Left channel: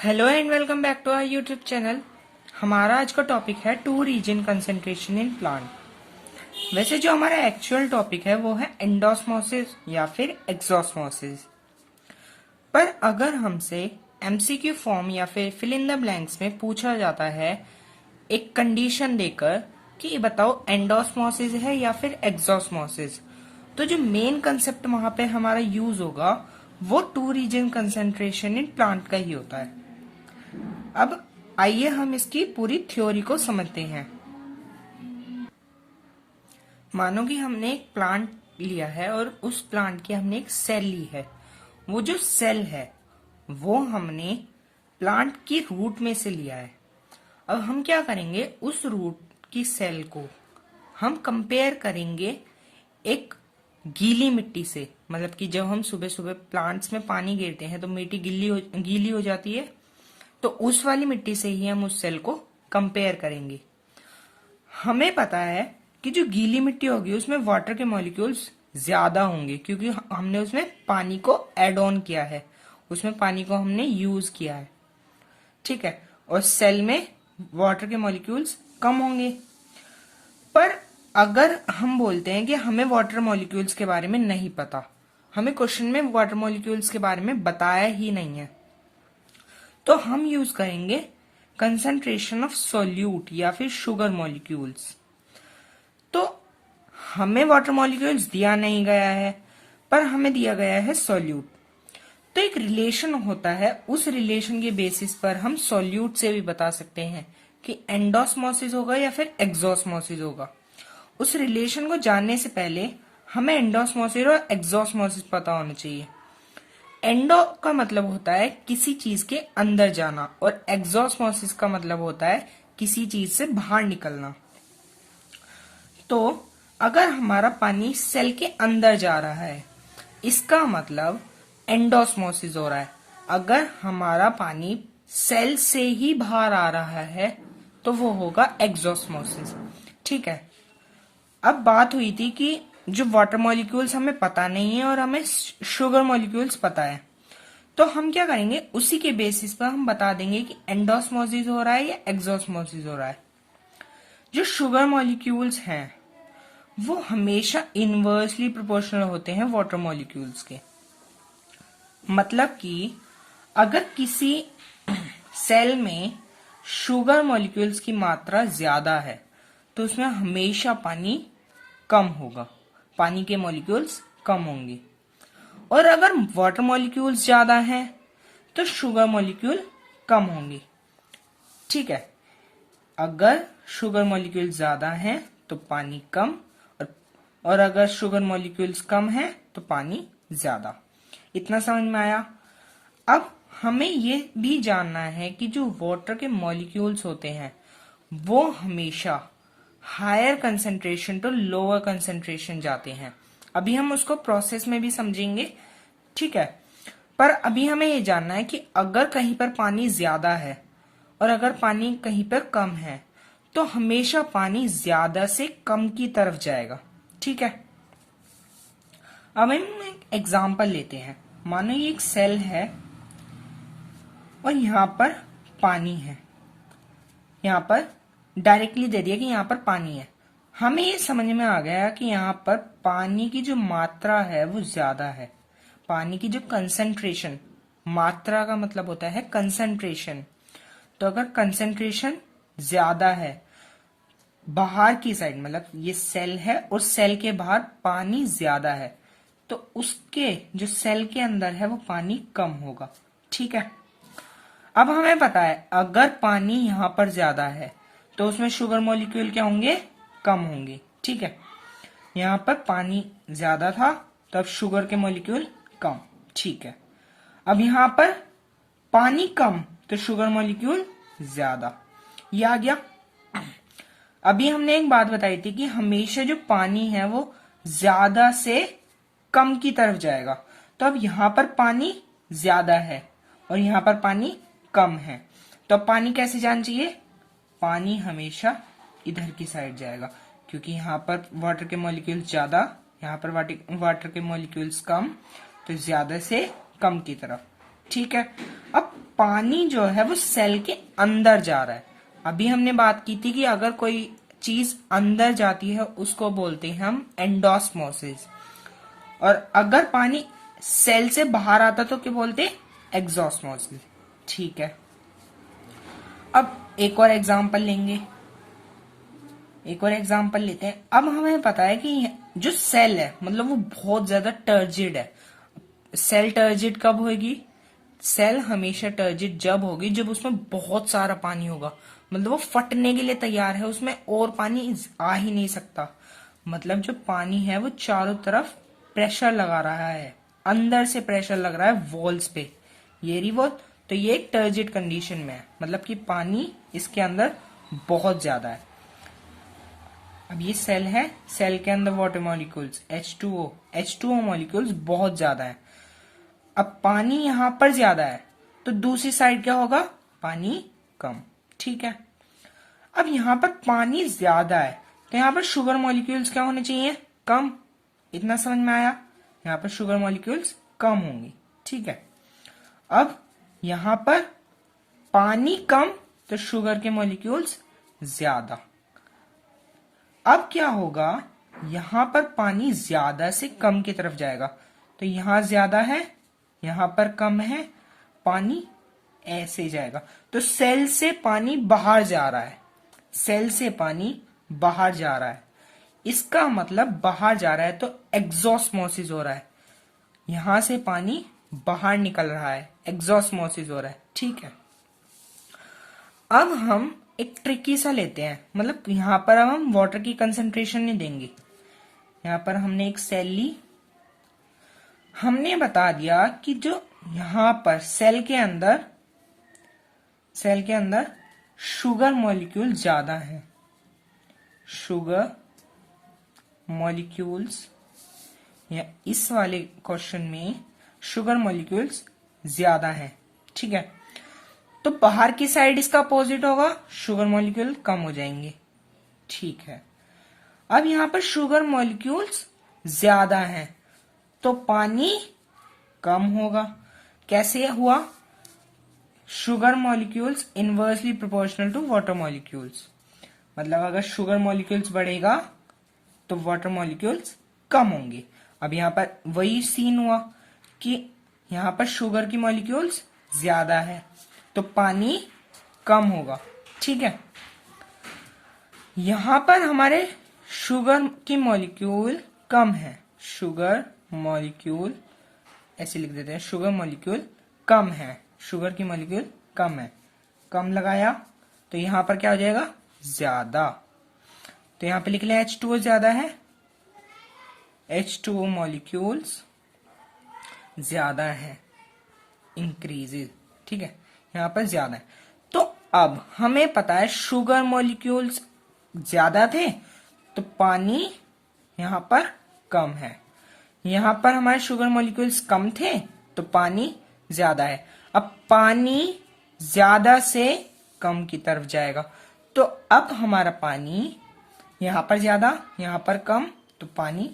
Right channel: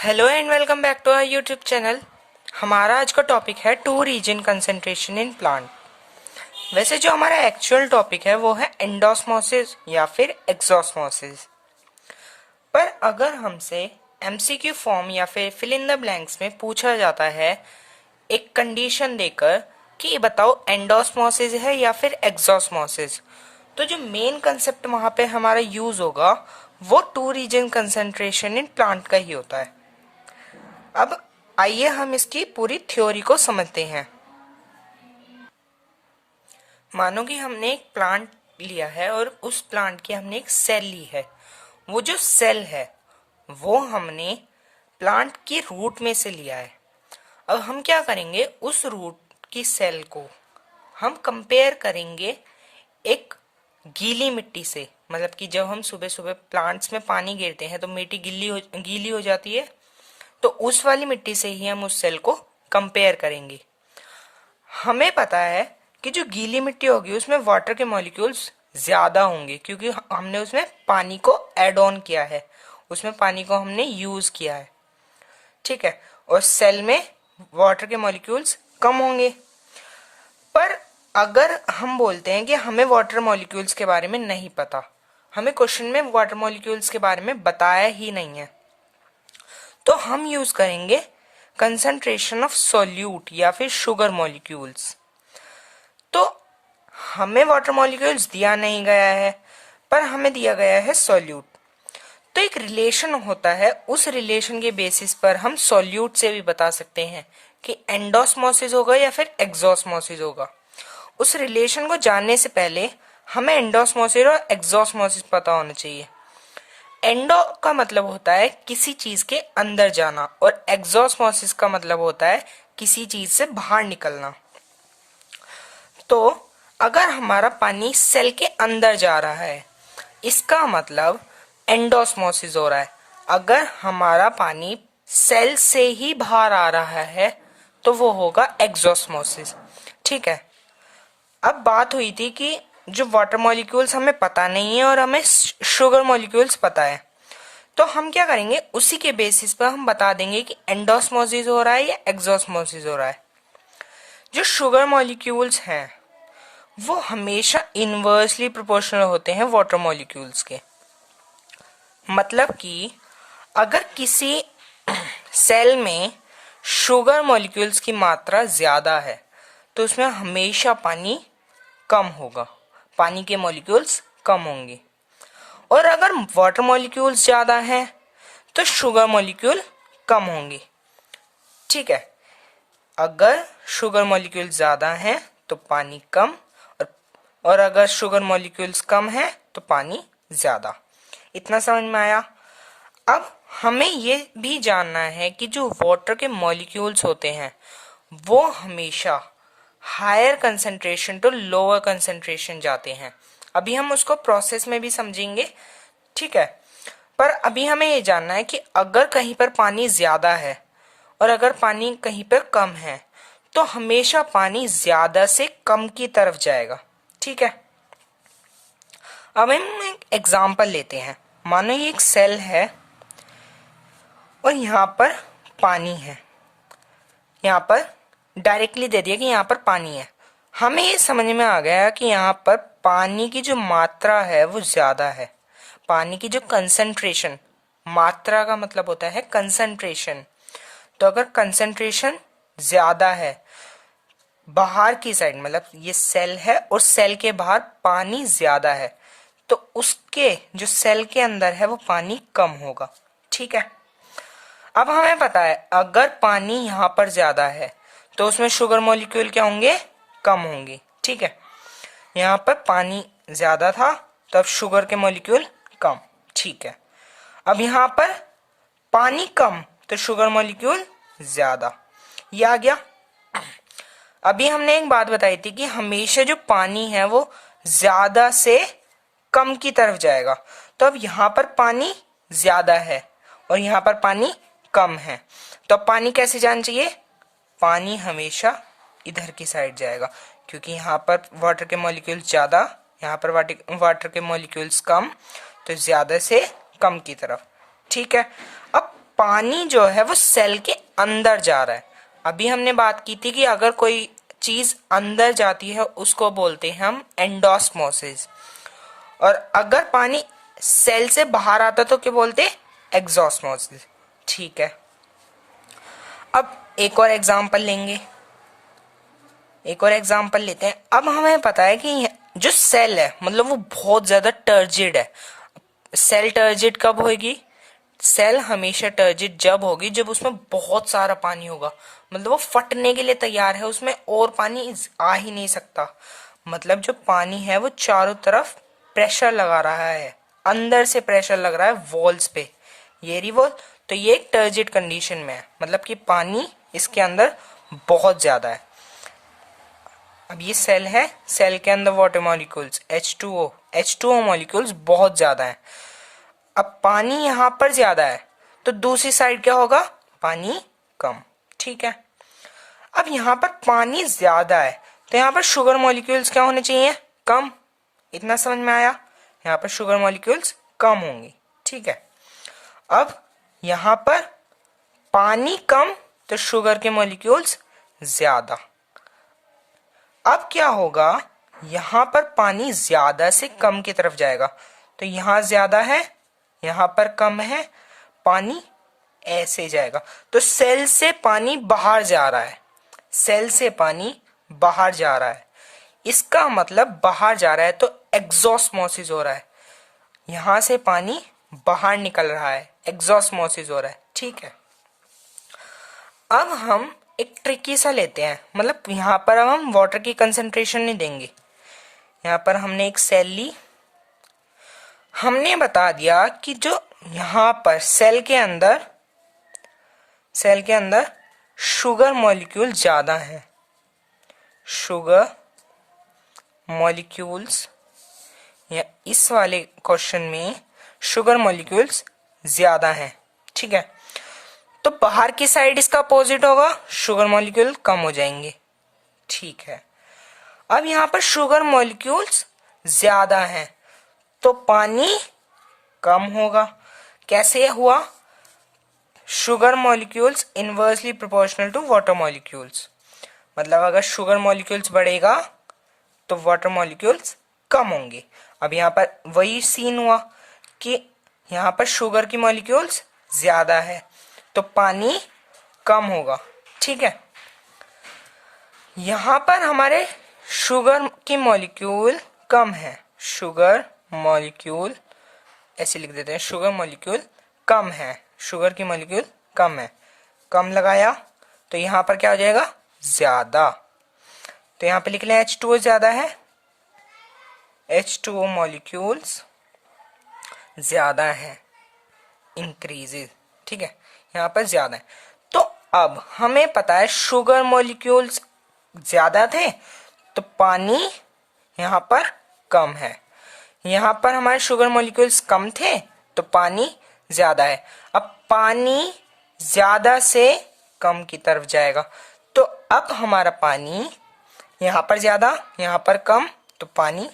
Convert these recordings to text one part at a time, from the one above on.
Hello and welcome back to our YouTube channel. हमारा आज का टॉपिक है two region concentration in plant. वैसे जो हमारा एक्चुअल टॉपिक है वो है एंडोस्मोसिस या फिर एक्सोस्मोसिस। पर अगर हमसे एमसीक्यू फॉर्म या फिर फिल इन द ब्लैंक्स में पूछा जाता है एक कंडीशन देकर कि बताओ एंडोस्मोसिस है या फिर एक्सोस्मोसिस, तो जो मेन कंसेप्ट वहां पे हमारा यूज होगा वो two region concentration in plant का ही होता है। अब आइए हम इसकी पूरी थ्योरी को समझते हैं। मानो कि हमने एक प्लांट लिया है और उस प्लांट की हमने एक सेल ली है। वो जो सेल है वो हमने प्लांट की रूट में से लिया है। अब हम क्या करेंगे, उस रूट की सेल को हम कंपेयर करेंगे एक गीली मिट्टी से। मतलब कि जब हम सुबह सुबह प्लांट्स में पानी गिरते हैं तो मिट्टी गीली हो जाती है, तो उस वाली मिट्टी से ही हम उस सेल को कंपेयर करेंगे। हमें पता है कि जो गीली मिट्टी होगी उसमें वाटर के मॉलिक्यूल्स ज्यादा होंगे क्योंकि हमने उसमें पानी को ऐड ऑन किया है, उसमें पानी को हमने यूज किया है। ठीक है, और सेल में वाटर के मॉलिक्यूल्स कम होंगे। पर अगर हम बोलते हैं कि हमें वाटर मॉलिक्यूल्स के बारे में नहीं पता, हमें क्वेश्चन में वाटर मॉलिक्यूल्स के बारे में बताया ही नहीं है, तो हम यूज करेंगे कंसंट्रेशन ऑफ सॉल्यूट या फिर शुगर मॉलिक्यूल्स। तो हमें वाटर मॉलिक्यूल्स दिया नहीं गया है पर हमें दिया गया है सॉल्यूट। तो एक रिलेशन होता है, उस रिलेशन के बेसिस पर हम सॉल्यूट से भी बता सकते हैं कि एंडोस्मोसिस होगा या फिर एक्सोस्मोसिस होगा। उस रिलेशन को जानने से पहले हमें एंडोस्मोसिस और एक्सोस्मोसिस पता होना चाहिए। एंडो का मतलब होता है किसी चीज के अंदर जाना और एक्सोस्मोसिस का मतलब होता है किसी चीज से बाहर निकलना। तो अगर हमारा पानी सेल के अंदर जा रहा है इसका मतलब एंडोस्मोसिस हो रहा है। अगर हमारा पानी सेल से ही बाहर आ रहा है तो वो होगा एक्सोस्मोसिस। ठीक है, अब बात हुई थी कि जो वाटर मॉलिक्यूल्स हमें पता नहीं है और हमें शुगर मॉलिक्यूल्स पता है, तो हम क्या करेंगे उसी के बेसिस पर हम बता देंगे कि एंडोस्मोसिस हो रहा है या एक्सोस्मोसिस हो रहा है। जो शुगर मॉलिक्यूल्स हैं वो हमेशा इनवर्सली प्रोपोर्शनल होते हैं वाटर मॉलिक्यूल्स के। मतलब कि अगर किसी सेल में शुगर मॉलिक्यूल्स की मात्रा ज्यादा है तो उसमें हमेशा पानी कम होगा, पानी के मॉलिक्यूल्स कम होंगे। और अगर वाटर मॉलिक्यूल्स ज्यादा हैं तो शुगर मॉलिक्यूल कम होंगे। ठीक है, अगर शुगर मॉलिक्यूल ज्यादा हैं तो पानी कम, और अगर शुगर मॉलिक्यूल्स कम है तो पानी ज्यादा। इतना समझ में आया। अब हमें ये भी जानना है कि जो वाटर के मॉलिक्यूल्स होते हैं वो हमेशा higher concentration to lower concentration जाते हैं। अभी हम उसको प्रोसेस में भी समझेंगे। ठीक है, पर अभी हमें ये जानना है कि अगर कहीं पर पानी ज्यादा है और अगर पानी कहीं पर कम है तो हमेशा पानी ज्यादा से कम की तरफ जाएगा। ठीक है, अब हम एक एग्जाम्पल लेते हैं। मानो ये एक सेल है और यहाँ पर पानी है, यहाँ पर डायरेक्टली दे दिया कि यहाँ पर पानी है। हमें ये समझ में आ गया कि यहाँ पर पानी की जो मात्रा है वो ज्यादा है। पानी की जो कंसंट्रेशन, मात्रा का मतलब होता है कंसंट्रेशन, तो अगर कंसंट्रेशन ज्यादा है बाहर की साइड, मतलब ये सेल है और सेल के बाहर पानी ज्यादा है, तो उसके जो सेल के अंदर है वो पानी कम होगा। ठीक है, अब हमें पता है अगर पानी यहाँ पर ज्यादा है तो उसमें शुगर मॉलिक्यूल क्या होंगे, कम होंगे। ठीक है, यहाँ पर पानी ज्यादा था तब शुगर के मॉलिक्यूल कम। ठीक है, अब यहाँ पर पानी कम तो शुगर मॉलिक्यूल ज्यादा। ये आ गया। अभी हमने एक बात बताई थी कि हमेशा जो पानी है वो ज्यादा से कम की तरफ जाएगा। तो अब यहाँ पर पानी ज्यादा है और यहाँ पर पानी कम है, तो अब पानी कैसे जाना चाहिए, पानी हमेशा इधर की साइड जाएगा क्योंकि यहाँ पर वाटर के मॉलिक्यूल्स ज्यादा, यहाँ पर वाटर के मॉलिक्यूल्स कम, तो ज्यादा से कम की तरफ। ठीक है, अब पानी जो है वो सेल के अंदर जा रहा है। अभी हमने बात की थी कि अगर कोई चीज अंदर जाती है उसको बोलते हैं हम एंडोस्मोसिस, और अगर पानी सेल से बाहर आता तो क्या बोलते हैं? एक्सोस्मोसिस। ठीक है, अब एक और एग्जांपल लेंगे, एक और एग्जांपल लेते हैं। अब हमें पता है कि जो सेल है मतलब वो बहुत ज्यादा टर्जिड है। सेल टर्जिड कब होगी? सेल हमेशा टर्जिड जब होगी जब उसमें बहुत सारा पानी होगा, मतलब वो फटने के लिए तैयार है, उसमें और पानी आ ही नहीं सकता। मतलब जो पानी है वो चारों तरफ प्रेशर लगा रहा है, अंदर से प्रेशर लग रहा है वॉल्स पे, ये रही वॉल। तो ये एक टर्जिड कंडीशन में है, मतलब कि पानी इसके अंदर बहुत ज्यादा है। अब ये सेल है, सेल के अंदर वाटर मॉलिक्यूल्स H2O मॉलिक्यूल्स बहुत ज्यादा है। अब पानी यहां पर ज्यादा है तो दूसरी साइड क्या होगा? पानी कम। ठीक है, अब यहां पर पानी ज्यादा है तो यहां पर शुगर मॉलिक्यूल्स क्या होने चाहिए? कम। इतना समझ में आया? यहां पर शुगर मॉलिक्यूल्स कम होंगी। ठीक है, अब यहां पर पानी कम तो शुगर के मॉलिक्यूल्स ज्यादा। अब क्या होगा? यहां पर पानी ज्यादा से कम की तरफ जाएगा, तो यहां ज्यादा है यहां पर कम है, पानी ऐसे जाएगा। तो सेल से पानी बाहर जा रहा है, सेल से पानी बाहर जा रहा है, इसका मतलब बाहर जा रहा है तो एग्जॉस्मोसिस हो रहा है। यहां से पानी बाहर निकल रहा है, एग्जॉस्मोसिस हो रहा है। ठीक है, अब हम एक ट्रिकी सा लेते हैं, मतलब यहां पर अब हम वाटर की कंसंट्रेशन नहीं देंगे। यहां पर हमने एक सेल ली, हमने बता दिया कि जो यहां पर सेल के अंदर शुगर मॉलिक्यूल ज्यादा है, शुगर मॉलिक्यूल्स, या इस वाले क्वेश्चन में शुगर मॉलिक्यूल्स ज्यादा हैं। ठीक है, तो बाहर की साइड इसका अपोजिट होगा, शुगर मॉलिक्यूल कम हो जाएंगे। ठीक है, अब यहां पर शुगर मॉलिक्यूल्स ज्यादा हैं तो पानी कम होगा। कैसे हुआ? Sugar molecules inversely proportional to water molecules, मतलब अगर शुगर मॉलिक्यूल्स बढ़ेगा तो वाटर मॉलिक्यूल्स कम होंगे। अब यहां पर वही सीन हुआ कि यहां पर शुगर की मॉलिक्यूल्स ज्यादा है तो पानी कम होगा। ठीक है, यहां पर हमारे शुगर की मॉलिक्यूल कम है, शुगर मॉलिक्यूल ऐसे लिख देते हैं, शुगर मॉलिक्यूल कम है, शुगर की मॉलिक्यूल कम है, कम लगाया तो यहां पर क्या हो जाएगा? ज्यादा। तो यहां पे लिख लें H2O ज्यादा है, H2O मॉलिक्यूल्स ज्यादा है, इंक्रीजेज। ठीक है, यहां पर ज्यादा है। तो अब हमें पता है शुगर मॉलिक्यूल्स ज्यादा थे तो पानी यहां पर कम है, यहां पर हमारे शुगर मॉलिक्यूल्स कम थे तो पानी ज्यादा है। अब पानी ज्यादा से कम की तरफ जाएगा, तो अब हमारा पानी यहां पर ज्यादा यहां पर कम, तो पानी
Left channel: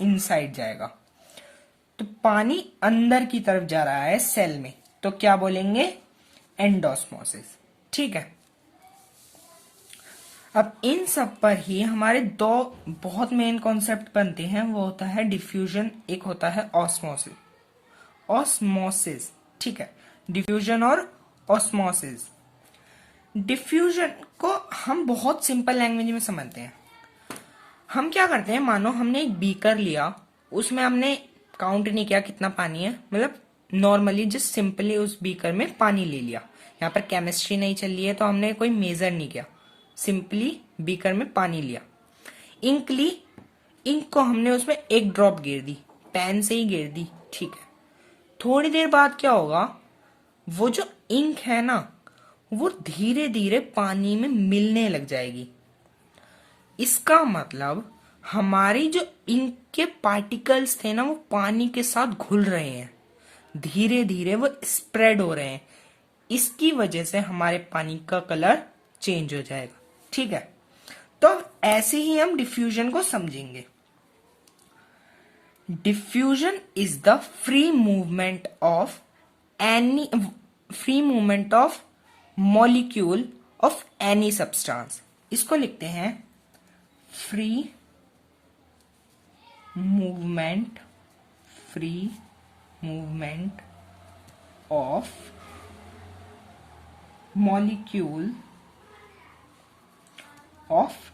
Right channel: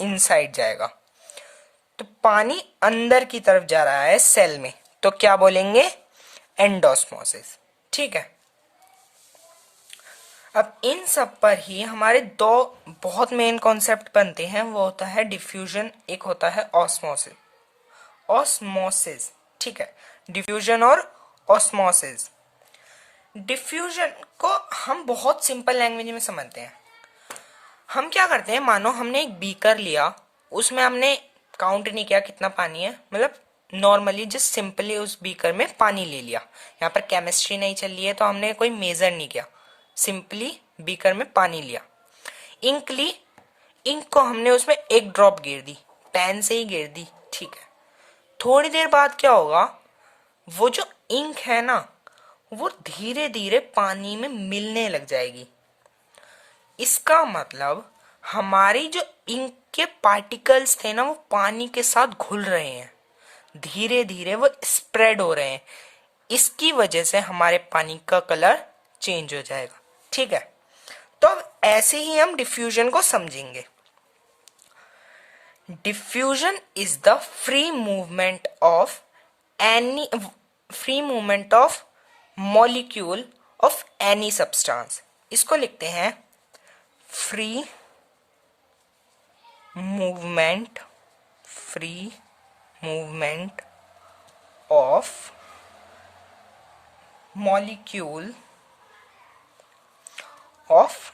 इनसाइड जाएगा, तो पानी अंदर की तरफ जा रहा है सेल में, तो क्या बोलेंगे? एंडोस्मोसिस। ठीक है, अब इन सब पर ही हमारे दो बहुत मेन कॉन्सेप्ट बनते हैं, वो होता है डिफ्यूजन, एक होता है ऑस्मोसिस। ऑस्मोसिस, ठीक है, डिफ्यूजन और ऑस्मोसिस। डिफ्यूजन को हम बहुत सिंपल लैंग्वेज में समझते हैं। हम क्या करते हैं, मानो हमने एक बीकर लिया, उसमें हमने काउंट नहीं किया कितना पानी है, मतलब नॉर्मली जस्ट सिंपली उस बीकर में पानी ले लिया। यहाँ पर केमिस्ट्री नहीं चल रही है तो हमने कोई मेजर नहीं किया, सिंपली बीकर में पानी लिया। इंक ली, इंक को हमने उसमें एक ड्रॉप गिर दी, पेन से ही गिर दी। ठीक है, थोड़ी देर बाद क्या होगा, वो जो इंक है ना वो धीरे धीरे पानी में मिलने लग जाएगी। इसका मतलब हमारी जो इंक के पार्टिकल्स थे ना वो पानी के साथ घुल रहे हैं, धीरे धीरे वो स्प्रेड हो रहे हैं, इसकी वजह से हमारे पानी का कलर चेंज हो जाएगा। ठीक है, तो ऐसे ही हम डिफ्यूजन को समझेंगे। Diffusion is the free movement of any free movement of molecule of any substance. इसको लिखते हैं free movement of molecule of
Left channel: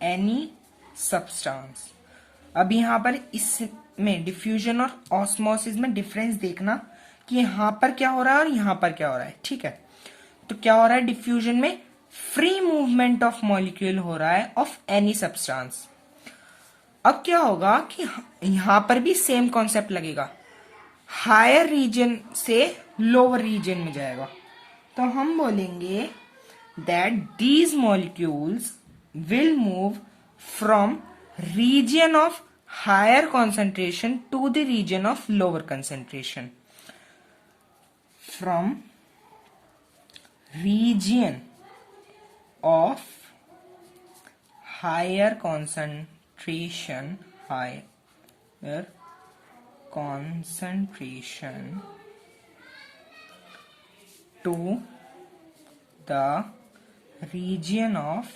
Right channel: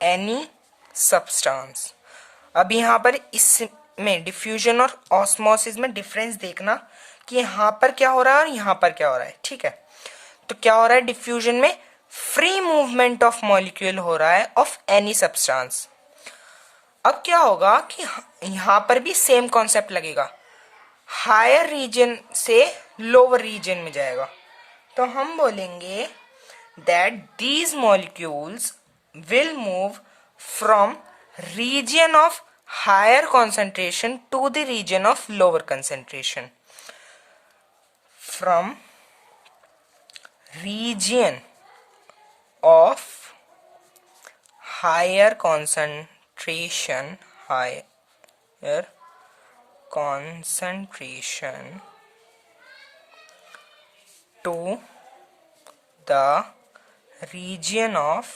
any substance. अब यहाँ पर इसमें डिफ्यूजन और ऑस्मोसिस में डिफरेंस देखना कि यहाँ पर क्या हो रहा है और यहाँ पर क्या हो रहा है। ठीक है, तो क्या हो रहा है, डिफ्यूजन में फ्री मूवमेंट ऑफ मॉलिक्यूल हो रहा है ऑफ एनी सब्सटेंस। अब क्या होगा कि यहाँ पर भी सेम कॉन्सेप्ट लगेगा, हायर रीजन से लोअर रीजन में जाएगा। तो हम बोलेंगे that these molecules will move from region of higher concentration to the region of lower concentration. From region of higher concentration to the region of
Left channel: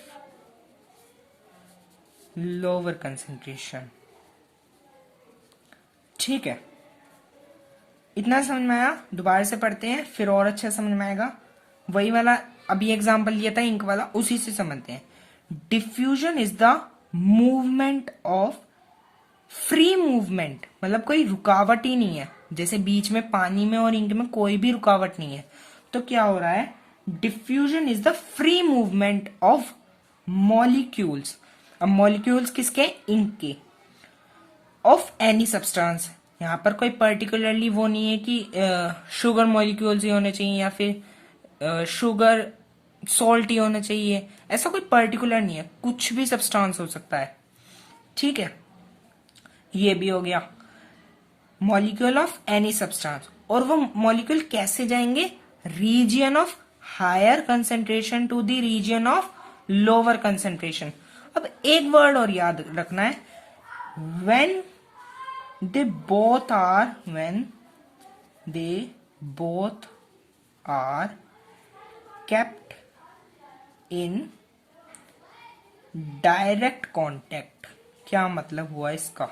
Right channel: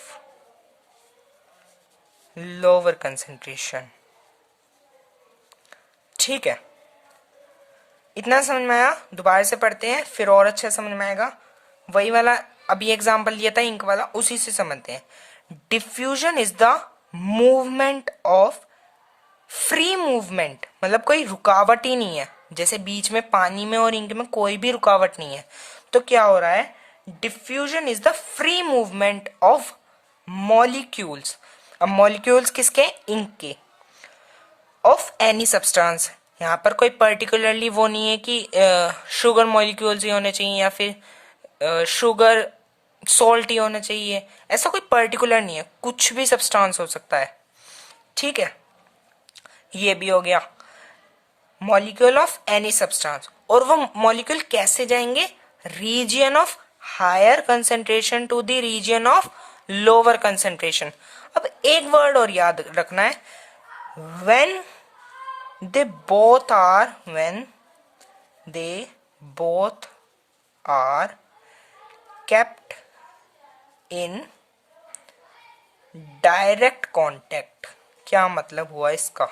lower concentration. ठीक है, इतना समझ में आया। दोबारा से पढ़ते हैं फिर और अच्छा समझ में आएगा। वही वाला अभी एग्जांपल दिया था इंक वाला, उसी से समझते हैं। Diffusion is the movement of free movement, मतलब कोई रुकावट ही नहीं है, जैसे बीच में पानी में और इंक में कोई भी रुकावट नहीं है। तो क्या हो रहा है, diffusion is the free movement of molecules. अब मॉलिक्यूल्स किसके, इंक के, ऑफ एनी सब्सटेंस। यहाँ पर कोई पर्टिकुलरली वो नहीं है कि शुगर मॉलिक्यूल्स ही होने चाहिए या फिर शुगर सॉल्ट ही होना चाहिए, ऐसा कोई पर्टिकुलर नहीं है, कुछ भी सब्सटेंस हो सकता है। ठीक है, ये भी हो गया मॉलिक्यूल ऑफ एनी सब्सटेंस। और वो मॉलिक्यूल कैसे जाएंगे, region of higher concentration to the region of lower concentration. अब एक वर्ड और याद रखना है, when they both are kept in direct contact. क्या मतलब हुआ इसका,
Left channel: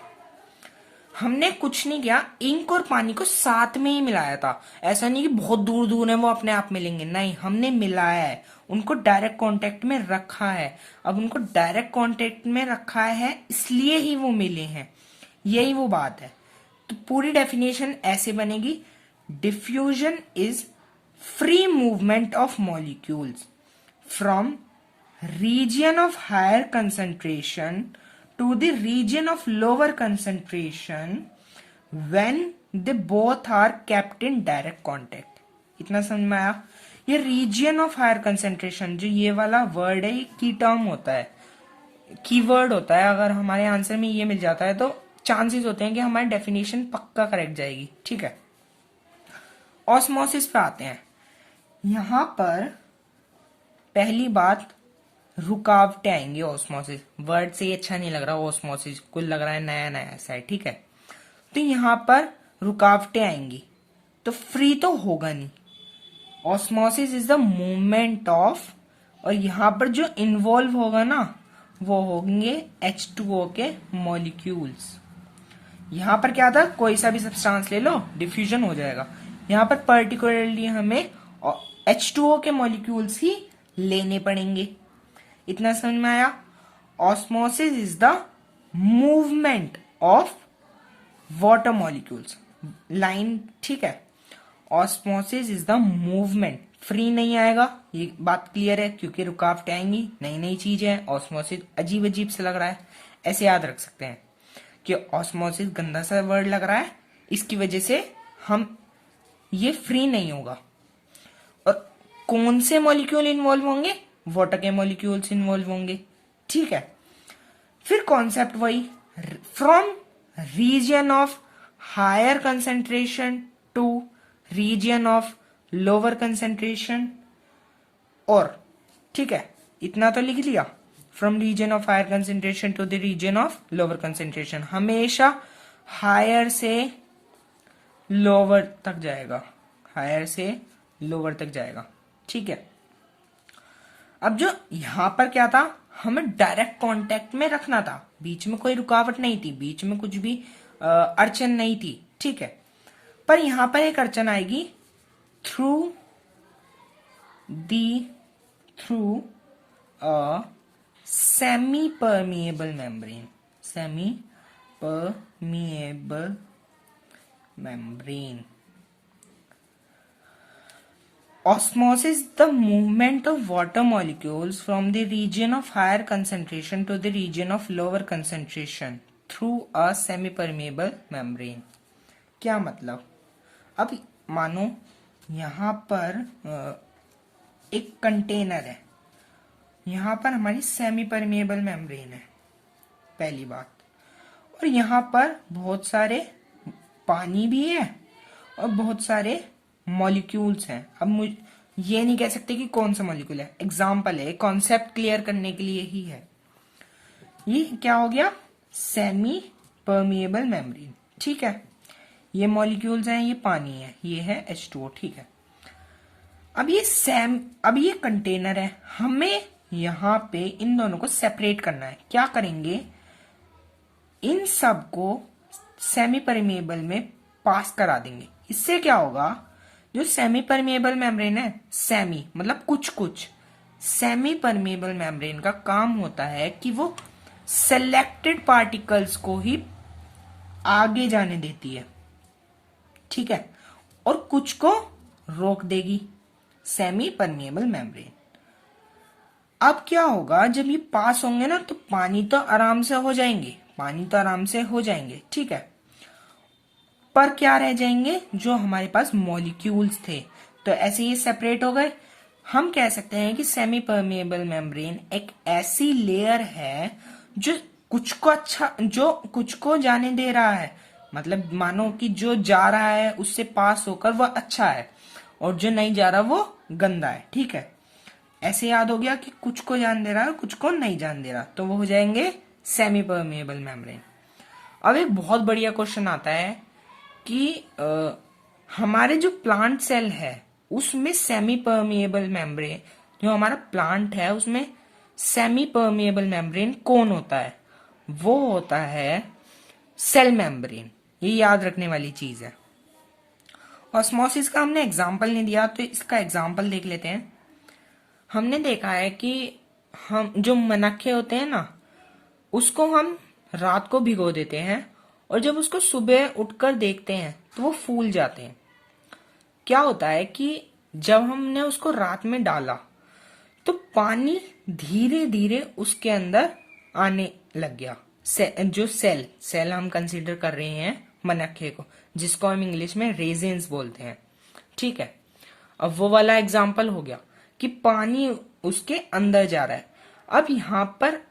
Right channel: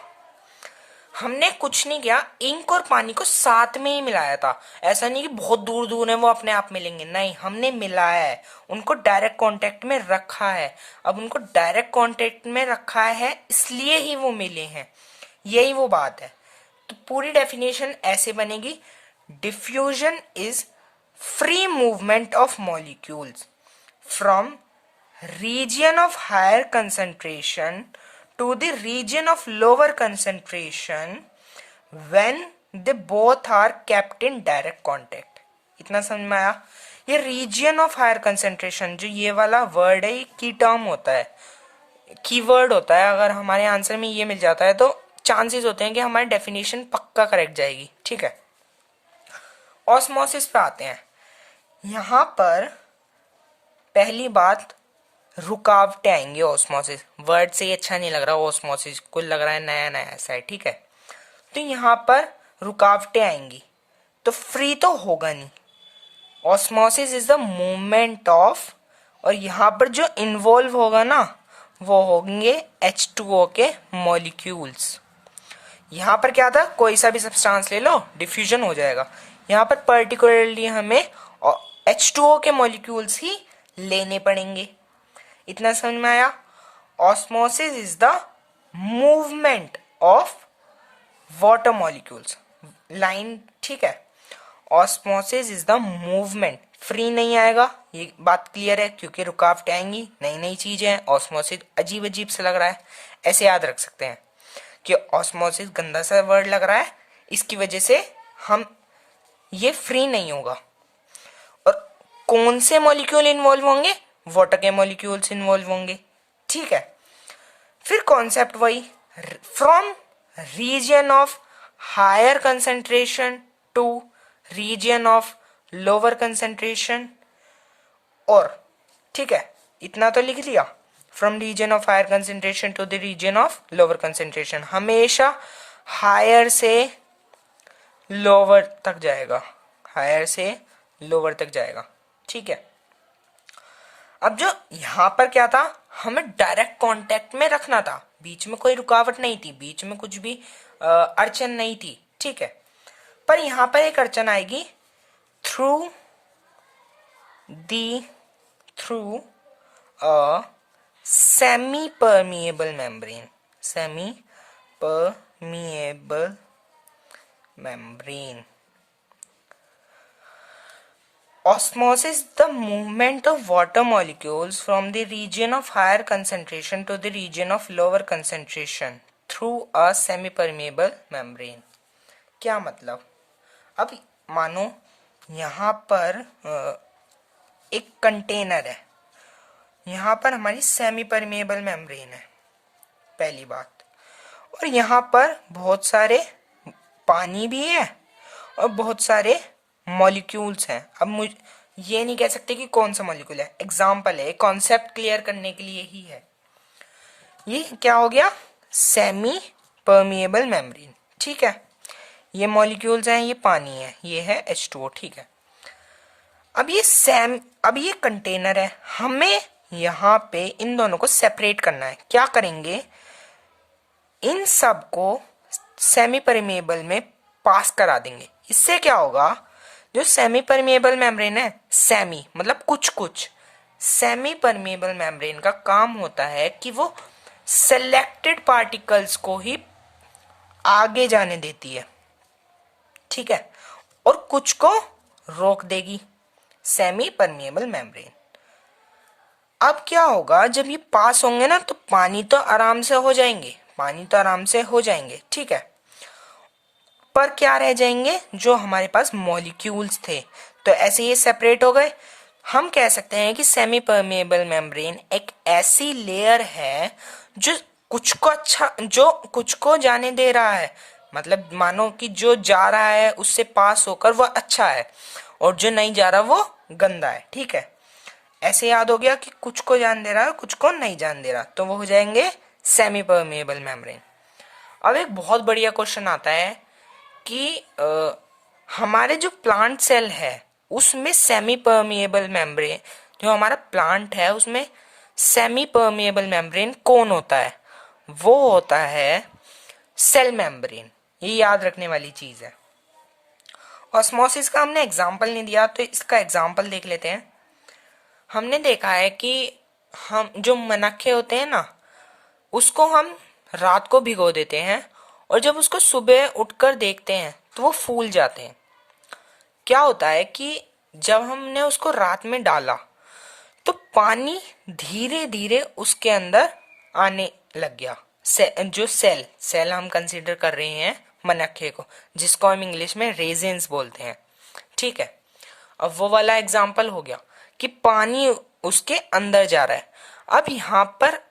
हमने कुछ नहीं किया, इंक और पानी को साथ में ही मिलाया था। ऐसा नहीं कि बहुत दूर दूर है वो अपने आप मिलेंगे, नहीं, हमने मिलाया है, उनको डायरेक्ट कांटेक्ट में रखा है। अब उनको डायरेक्ट कांटेक्ट में रखा है इसलिए ही वो मिले हैं, यही वो बात है। तो पूरी डेफिनेशन ऐसे बनेगी, diffusion is free movement of molecules from region of higher concentration to the region of lower concentration when they both are kept in direct contact। इतना समझ में आया। ये region of higher concentration, जो ये वाला वर्ड है, ये की टर्म होता है, कीवर्ड होता है। अगर हमारे आंसर में ये मिल जाता है तो चांसेस होते हैं कि हमारी डेफिनेशन पक्का करेक्ट जाएगी। ठीक है, ऑस्मोसिस पे आते हैं। यहां पर पहली बात, रुकावटें आएंगी। ऑस्मोसिस वर्ड से ही अच्छा नहीं लग रहा, ऑस्मोसिस कुल लग रहा है नया नया ऐसा है। ठीक है, तो यहाँ पर रुकावटें आएंगी तो फ्री तो होगा नहीं। Osmosis is the movement of, और यहाँ पर जो इन्वॉल्व होगा ना वो होंगे H2O के मॉलिक्यूल्स। यहाँ पर क्या था, कोई सा भी सब्सटेंस ले लो डिफ्यूजन हो जाएगा। यहाँ पर पर्टिकुलरली हमें H2O के मॉलिक्यूल्स ही लेने पड़ेंगे। इतना समझ में आया। Osmosis is the movement of water molecules, line. ठीक है, osmosis is the movement, free नहीं आएगा, ये बात क्लियर है, क्योंकि रुकावटें आएंगी, नई नई चीजें हैं। ऑस्मोसिस अजीब अजीब से लग रहा है, ऐसे याद रख सकते हैं कि ऑस्मोसिस गंदा सा वर्ड लग रहा है, इसकी वजह से हम ये फ्री नहीं होगा। और कौन से मॉलिक्यूल इन्वॉल्व होंगे, वाटर के मॉलिक्यूल्स इन्वॉल्व होंगे। ठीक है, फिर कॉन्सेप्ट वही, from region of higher concentration to region of lower concentration. और ठीक है, इतना तो लिख लिया, from region of higher concentration to the region of lower concentration, हमेशा हायर से लोअर तक जाएगा, हायर से लोअर तक जाएगा। ठीक है, अब जो यहां पर क्या था, हमें डायरेक्ट कांटेक्ट में रखना था, बीच में कोई रुकावट नहीं थी, बीच में कुछ भी अड़चन नहीं थी। ठीक है, पर यहां पर एक अड़चन आएगी, through through a semi permeable membrane, semi permeable membrane. Osmosis, the movement of water molecules from the region of higher concentration to the region of lower concentration through a semi-permeable membrane. क्या मतलब, अब मानो यहाँ पर एक container है, यहाँ पर हमारी सेमी परमिएबल मेम्ब्रेन है, पहली बात, और यहाँ पर बहुत सारे पानी भी है और बहुत सारे मॉलिक्यूल्स हैं। अब मुझे ये नहीं कह सकते कि कौन सा मॉलिक्यूल है, एग्जाम्पल है, कॉन्सेप्ट क्लियर करने के लिए ही है। ये क्या हो गया, सेमी परमिएबल मेम्ब्रेन। ठीक है, ये मॉलिक्यूल्स हैं, ये पानी है, ये है H2O। ठीक है, अब ये कंटेनर है, हमें यहाँ पे इन दोनों को सेपरेट करना है। क्या करेंगे, इन सब को सेमी परमिएबल में पास करा देंगे। इससे क्या होगा, जो सेमी परमिएबल मेम्ब्रेन है, सेमी मतलब कुछ कुछ, सेमी परमिएबल मेम्ब्रेन का काम होता है कि वो सेलेक्टेड पार्टिकल्स को ही आगे जाने देती है। ठीक है, और कुछ को रोक देगी, सेमी परमिएबल मेम्ब्रेन। अब क्या होगा, जब ये पास होंगे ना, तो पानी तो आराम से हो जाएंगे, पानी तो आराम से हो जाएंगे। ठीक है, पर क्या रह जाएंगे, जो हमारे पास मॉलिक्यूल्स थे, तो ऐसे ये सेपरेट हो गए। हम कह सकते हैं कि सेमी परमिएबल मेम्ब्रेन एक ऐसी लेयर है जो कुछ को जाने दे रहा है, मतलब मानो कि जो जा रहा है उससे पास होकर वो अच्छा है, और जो नहीं जा रहा वो गंदा है। ठीक है, ऐसे याद हो गया कि कुछ को जान दे रहा है, कुछ को नहीं जान दे रहा, तो वो हो जाएंगे सेमी परमिएबल मेम्ब्रेन। अब एक बहुत बढ़िया क्वेश्चन आता है कि हमारे जो प्लांट सेल है उसमें सेमी परमिएबल मेम्ब्रेन, जो हमारा प्लांट है उसमें सेमी परमिएबल मेम्ब्रेन कौन होता है, वो होता है सेल मेम्ब्रेन। ये याद रखने वाली चीज है। ऑस्मोसिस का हमने एग्जाम्पल नहीं दिया, तो इसका एग्जाम्पल देख लेते हैं। हमने देखा है कि हम जो मनखे होते हैं ना, उसको हम रात को भिगो देते हैं, और जब उसको सुबह उठकर देखते हैं तो वो फूल जाते हैं। क्या होता है कि जब हमने उसको रात में डाला तो पानी धीरे धीरे उसके अंदर आने लग गया। जो सेल हम कंसीडर कर रहे हैं मनखे को, जिसको हम इंग्लिश में रेजिन्स बोलते हैं। ठीक है, अब वो वाला एग्जाम्पल हो गया कि पानी उसके अंदर जा रहा है। अब यहाँ पर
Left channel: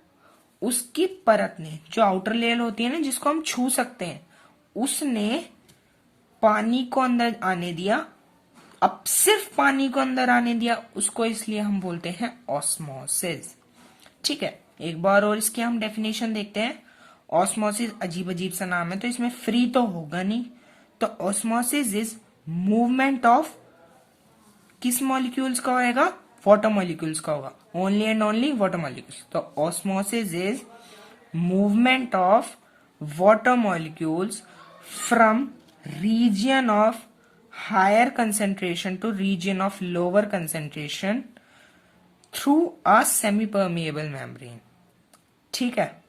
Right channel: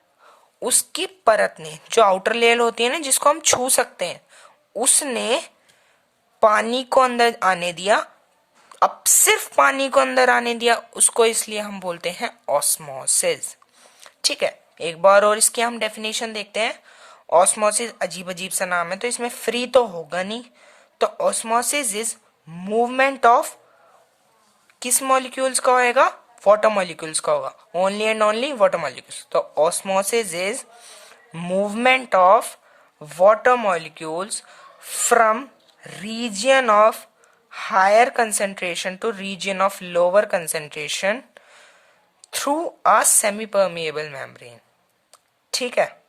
उसकी परत ने, जो आउटर लेयर होती है ना, जिसको हम छू सकते हैं, उसने पानी को अंदर आने दिया। अब सिर्फ पानी को अंदर आने दिया उसको, इसलिए हम बोलते हैं ऑस्मोसिस। ठीक है, एक बार और इसकी हम डेफिनेशन देखते हैं। ऑस्मोसिस अजीब अजीब सा नाम है, तो इसमें फ्री तो होगा नहीं, तो ऑस्मोसिस इज मूवमेंट ऑफ किस मॉलिक्यूल्स का होएगा, वाटर मॉलिक्यूल्स का होगा, only and only water molecules. तो osmosis is movement of water molecules from region of higher concentration to region of lower concentration through a semi permeable membrane. ठीक है,